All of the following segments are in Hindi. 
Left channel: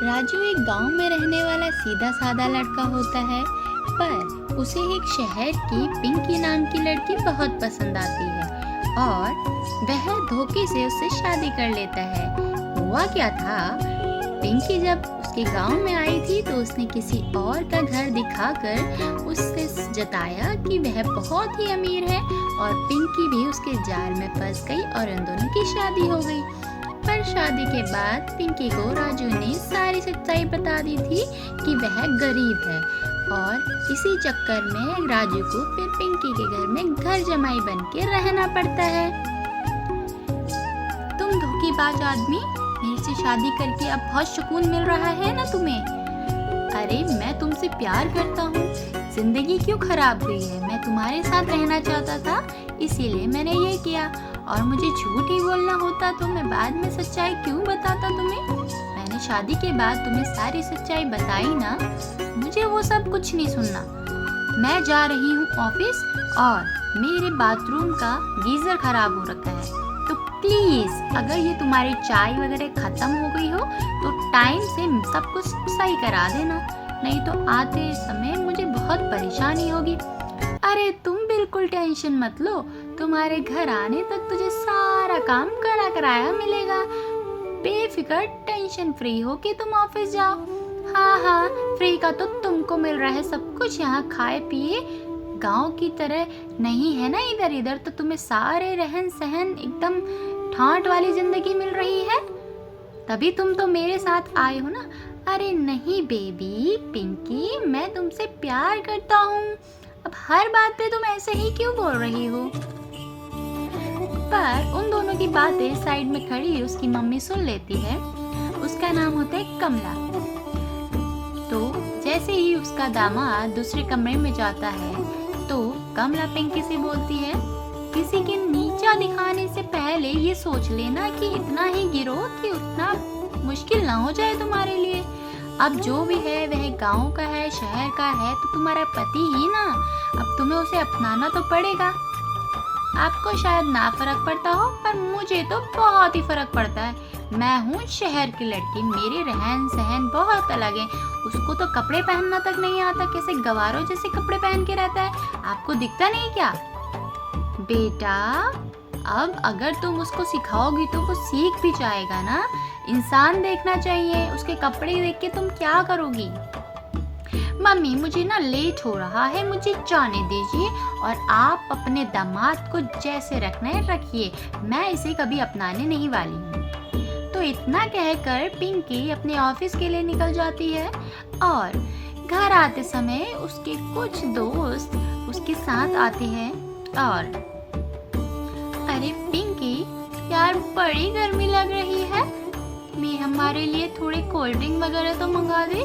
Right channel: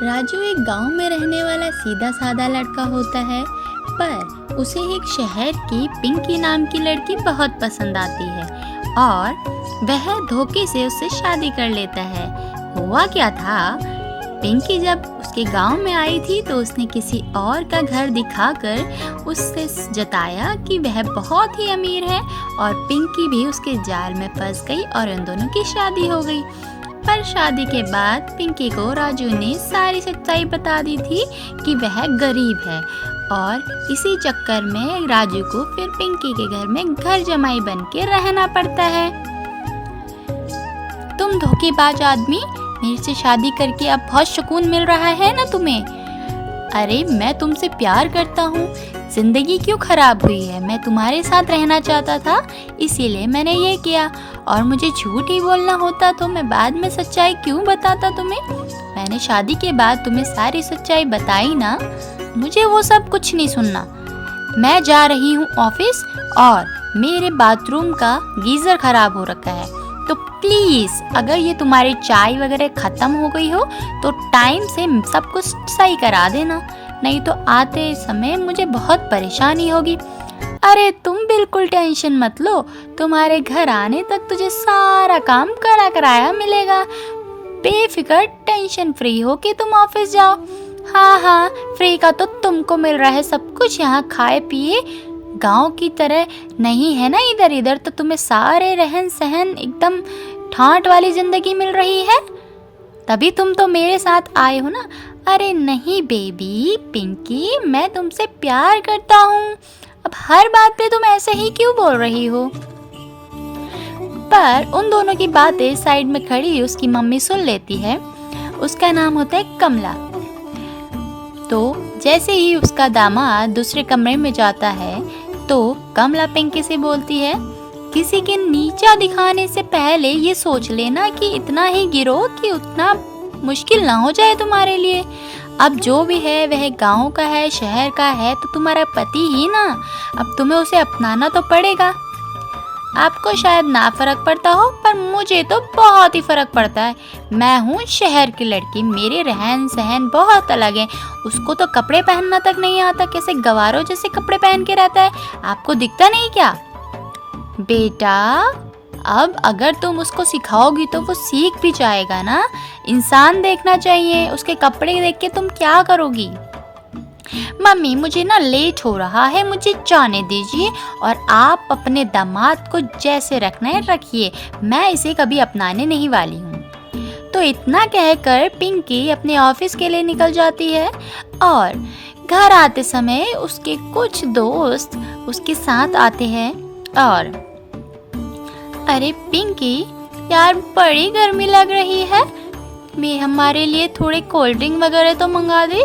राजू एक गांव में रहने वाला सीधा साधा लड़का होता है, पर उसे एक शहर की पिंकी नाम की लड़की बहुत पसंद आती है और वह धोखे से उससे शादी कर लेता है। हुआ क्या था, पिंकी जब उसके गांव में आई थी तो उसने किसी और का घर दिखाकर उससे जताया कि वह बहुत ही अमीर है और पिंकी भी उसके जाल में फंस गई और उन दोनों की शादी हो गई। पर शादी के बाद पिंकी को राजू ने सारी सच्चाई बता दी थी कि वह गरीब है और इसी चक्कर में राजू को फिर पिंकी के घर में घर जमाई बन के रहना पड़ता है। तुम धोखेबाज आदमी, मेरे से शादी करके अब बहुत सुकून मिल रहा है ना तुम्हें? अरे मैं तुमसे प्यार करता हूँ, जिंदगी क्यों खराब हुई है? मैं तुम्हारे साथ रहना चाहता था, इसीलिए मैंने ये किया। और मुझे झूठ ही बोलना होता तो मैं बाद में सच्चाई क्यों बताता तुम्हें? मैंने शादी के बाद तुम्हें सारी सच्चाई बताई ना, मुझे वो सब कुछ नहीं सुनना। मैं जा रही हूँ ऑफिस और मेरे बाथरूम का गीजर खराब हो रखा है, तो प्लीज अगर ये तुम्हारी चाय वगैरह खत्म हो गई हो तो टाइम से सब कुछ सही करा देना, नहीं तो आते समय मुझे बहुत परेशानी होगी। अरे तुम बिल्कुल टेंशन मत लो, तुम्हारे घर आने तक तुझे सारा काम करा कराया मिलेगा। बेफिक्र टेंशन फ्री हो कि तुम ऑफिस जाओ। हाँ, फ्री का तो तुमको मिल रहा है सब कुछ, यहाँ खाए पिए गांव की तरह नहीं है ना इधर इधर, तो तुम्हें सारे रहन सहन एकदम ठाट वाली जिंदगी मिल रही है, तभी तुम तो मेरे साथ आए हो ना। अरे नहीं बेबी पिंकी, मैं तुमसे प्यार करता हूँ, अब हर बात पे तुम ऐसे ही क्यों बोल रही हो? पर उन दोनों की बातें साइड में खड़ी उसकी मम्मी सुन लेती है। उसका नाम होता है कमला। तो जैसे ही उसका दामाद दूसरे कमरे में जाता है तो कमला पिंकी से बोलती है, किसी के नीचा दिखाने से पहले ये सोच लेना कि इतना ही गिरो कि उतना मुश्किल ना हो जाए तुम्हारे लिए। अब जो भी है वह गांव का है, शहर का है, तो तुम्हारा पति ही ना, अब तुम्हें उसे अपनाना तो पड़ेगा। आपको शायद ना फर्क पड़ता हो, पर मुझे तो बहुत ही फर्क पड़ता है। मैं हूँ शहर की लड़की, मेरे रहन सहन बहुत अलग है। उसको तो कपड़े पहनना तक नहीं आता, कैसे गवारों जैसे कपड़े पहन के रहता है, आपको दिखता नहीं क्या? बेटा अब अगर तुम उसको सिखाओगी तो वो सीख भी जाएगा ना। इंसान देखना चाहिए, उसके कपड़े देख के तुम क्या करोगी? मम्मी मुझे ना लेट हो रहा है, मुझे जाने दीजिए और आप अपने दामाद को जैसे रखना है रखिए, मैं इसे कभी अपनाने नहीं वाली हूँ। तो इतना कहकर पिंकी अपने ऑफिस के लिए निकल जाती है और घर आते समय उसके कुछ दोस्त उसके साथ आते हैं और अरे पिंकी यार बड़ी गर्मी लग रही है, मैं हमारे लिए थोड़े कोल्ड ड्रिंक वगैरह तो मंगा दे।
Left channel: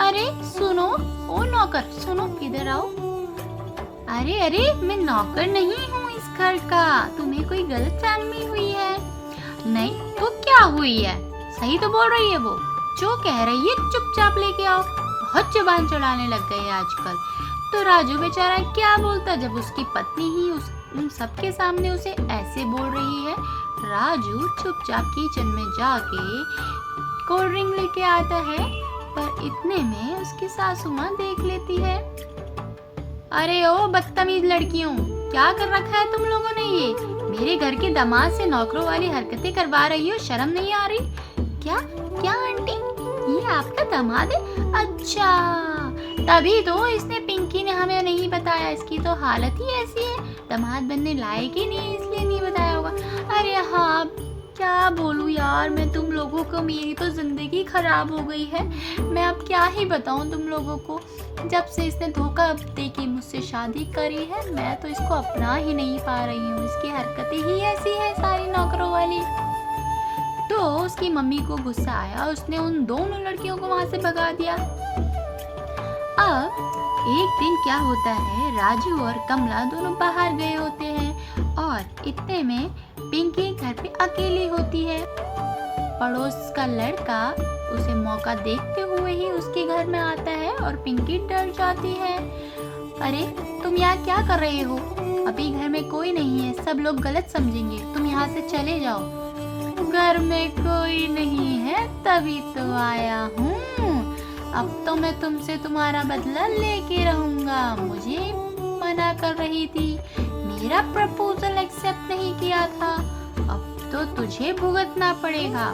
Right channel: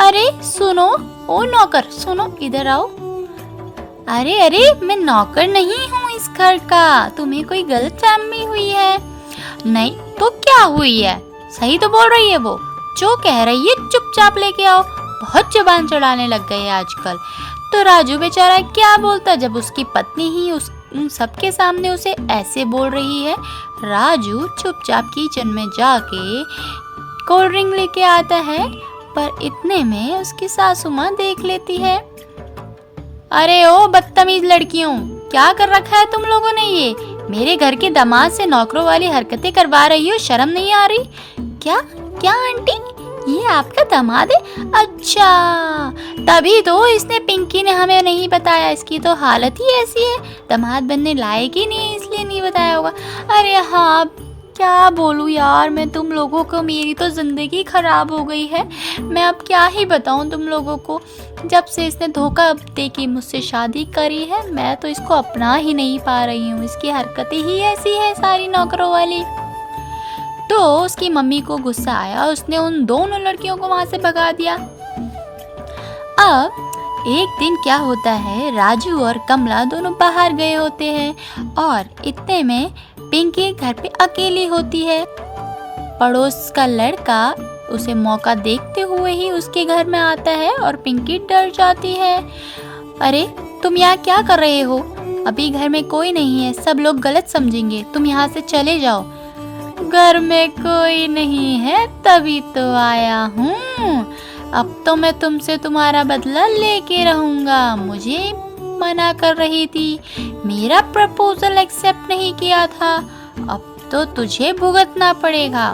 अरे सुनो, ओ नौकर सुनो, इधर आओ। अरे मैं नौकर नहीं हूँ इस घर का, तुम्हें कोई गलतफहमी हुई है। नहीं तो क्या हुई है, सही तो बोल रही है वो, जो कह रही है चुपचाप लेके आओ। बहुत जुबान चढ़ाने लग गए आजकल। तो राजू बेचारा क्या बोलता जब उसकी पत्नी ही उन सबके सामने उसे ऐसे बोल रही है। राजू चुपचाप किचन में जाके कोल्ड ड्रिंक लेके आता है, पर इतने में उसकी सासू माँ देख लेती है। अरे ओ बदतमीज लड़कियों, क्या कर रखा है तुम लोगों ने ये? मेरे घर के दामाद से नौकरों वाली हरकतें करवा रही हो, शर्म नहीं आ रही? क्या आंटी, ये आपका दामाद है? अच्छा तभी तो इसने पिंकी ने हमें नहीं बताया, इसकी तो हालत ही ऐसी है, दामाद बनने लायक ही नहीं, इसलिए नहीं बताया होगा। अरे हाँ क्या बोलूँ यार मैं तुम लोगों को, मेरी तो ज़िंदगी ख़राब हो गई है। मैं अब क्या ही बताऊँ तुम लोगों को, जब से इसने धोखा दे के मुझसे शादी करी है मैं तो इसको अपना ही नहीं पा रही हूँ, इसकी हरकतें ही ऐसी है सारी नौकरों वाली। तो उसकी मम्मी को गुस्सा आया, उसने उन दोनों लड़कियों को वहाँ से भगा दिया। अब एक दिन क्या होता है, राजू और कमला दोनों बाहर गए होते हैं और इतने में पिंकी घर पे अकेली होती है। पड़ोस का लड़का उसे मौका देखते हुए ही उसके घर में आता है और पिंकी डर जाती है। अरे तुम यहाँ क्या कर रहे हो? अभी घर में कोई नहीं है, सब लोग गलत समझेंगे, तुम यहाँ से चले जाओ। घर में कोई नहीं है तभी तो आया हूँ। अब तो मैं तुमसे तुम्हारा बदला लेके रहूंगा। मुझे मना कर रही थी, मेरा प्रपोजल एक्सेप्ट नहीं किया था, अब तो तुझे भुगतना पड़ेगा।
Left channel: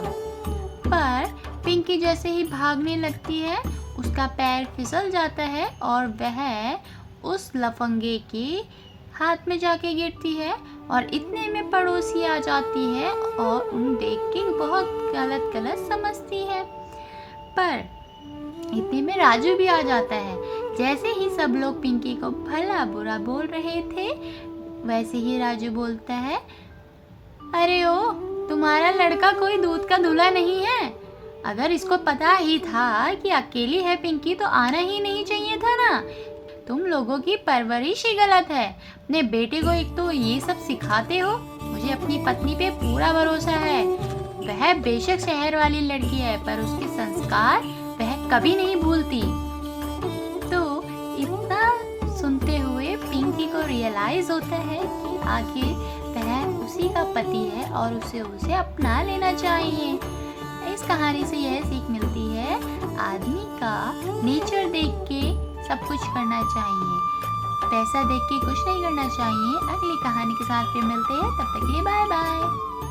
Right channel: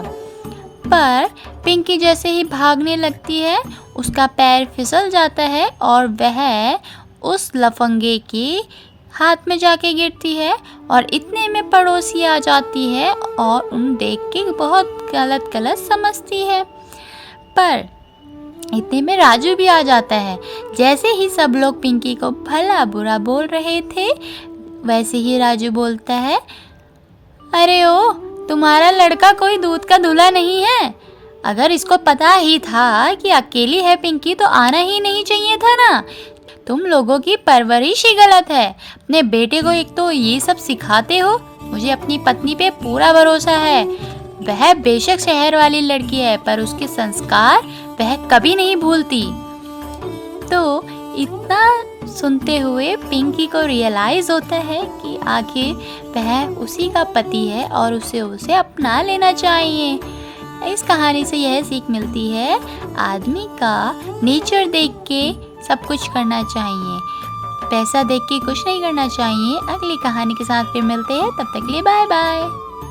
पर पिंकी जैसे ही भागने लगती है उसका पैर फिसल जाता है और वह उस लफंगे के हाथ में जाके गिरती है और इतने में पड़ोसी आ जाती है और उन देख के बहुत गलत गलत समझती है। पर इतने में राजू भी आ जाता है। जैसे ही सब लोग पिंकी को भला बुरा बोल रहे थे वैसे ही राजू बोलता है, अरे ओ, तुम्हारा लड़का कोई दूध का धुला नहीं है। अगर इसको पता ही था कि अकेली है पिंकी तो आना ही नहीं चाहिए था ना। तुम लोगों की परवरिश ही गलत है। अपने बेटे को एक तो ये सब सिखाते हो। मुझे अपनी पत्नी पे पूरा भरोसा है। वह बेशक शहर वाली लड़की है पर उसके संस्कार वह कभी नहीं भूलती। तो इतना सुनते हुए पिंकी को रियलाइज होता है कि आखिर वह उसी का पति है और उसे अपना लेना चाहिए। इस कहानी से यह सीख मिलती है, आदमी का नेचर देख के सब कुछ करना चाहिए, पैसा देख के कुछ नहीं करना चाहिए। अगली कहानी के साथ फिर मिलते हैं, तब तक के लिए बाय बाय।